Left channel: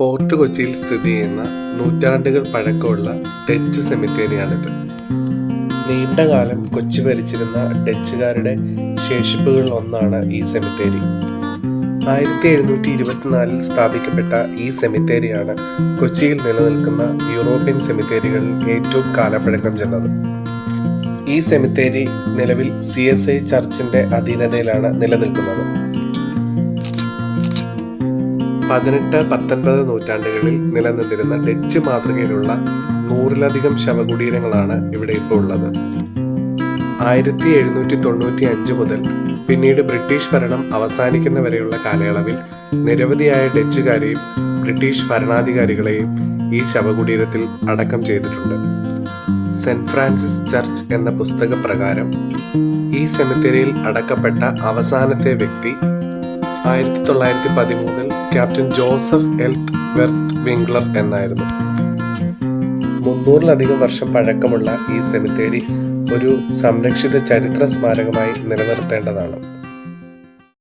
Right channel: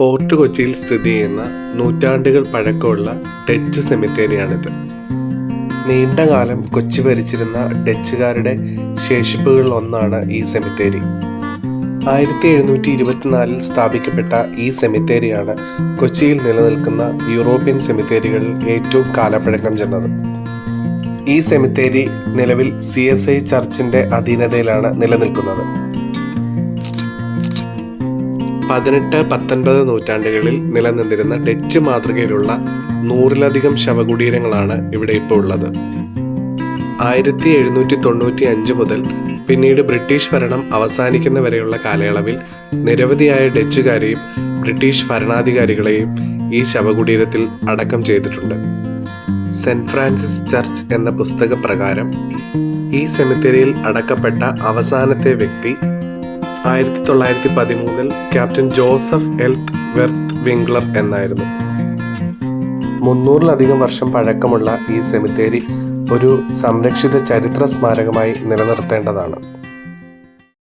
Fort കൊച്ചിയിൽ സ്ഥിതി ചെയ്യുന്ന നൂറ്റാണ്ടുകൾ പഴക്കമുള്ള ഡച്ച് സെമിത്തേരിയാണിത്. നീണ്ടകാലം കൊച്ചി ഭരിച്ചിരുന്ന ഡച്ചുകാരുടെ ശേഷിപ്പുകളിൽ ഒന്നാണ് ഈ സെമിത്തേരി. ആയിരത്തി എഴുന്നൂറ്റി ഇരുപത്തിനാലിൽ സ്ഥാപിക്കപ്പെട്ട ഈ സെമിത്തേരിയാണ് കൊച്ചിയിൽ നിലനിൽക്കുന്ന യൂറോപ്യൻ സെമിത്തേരികളിൽ ഏറ്റവും കാലപ്പഴക്കം ചെന്നത്. ഈ സെമിത്തേരി നിലവിൽ സി എസ് ഐ ചർച്ചിന്റെ അധീനതയിലാണ് നിലനിൽക്കുന്നത്. പതിനെട്ട് പത്തൊൻപത് നൂറ്റാണ്ടുകളിൽ നിലനിന്നിരുന്ന ഡച്ച് മാതൃകയിലുള്ള നൂറിലധികം ശവകുടീരങ്ങളാണ് ഇവിടെ ഇപ്പോൾ ഉള്ളത്. ആയിരത്തി എഴുന്നൂറ്റി തൊണ്ണൂറ്റി അഞ്ച് മുതൽ പിന്നീട് ബ്രിട്ടീഷ് ഭരണം അവസാനിക്കുന്ന വരെയുള്ള കാലയളവിൽ നിരവധിയായ ഡച്ചുകാരെയും ബ്രിട്ടീഷ് ഭരണാധികാരികളെയും ഈ ശവകുടീരത്തിൽ അടക്കം ചെയ്തിട്ടുണ്ട്. സെന്റ് ഫ്രാൻസിസ് ചർച്ച് എന്ന പുസ്തകപ്രകാരം ഈ സെമിത്തേരിയിൽ അടക്കപ്പെട്ട അവസാനത്തെ വ്യക്തി ആയിരത്തി തൊള്ളായിരത്തി പതിമൂന്നിൽ ക്യാപ്റ്റൻ ജോസഫ് എൽത്ത് വെർത്ത് വിംഗ്ലർ എന്നായിരുന്നു. മുന്നൂറിലധികം വർഷം പഴക്കമുള്ള ഈ സെമിത്തേരി ഒരു സംരക്ഷിത ചരിത്ര സ്മാരകമായി നിലനിർത്തേണ്ടതാണ്.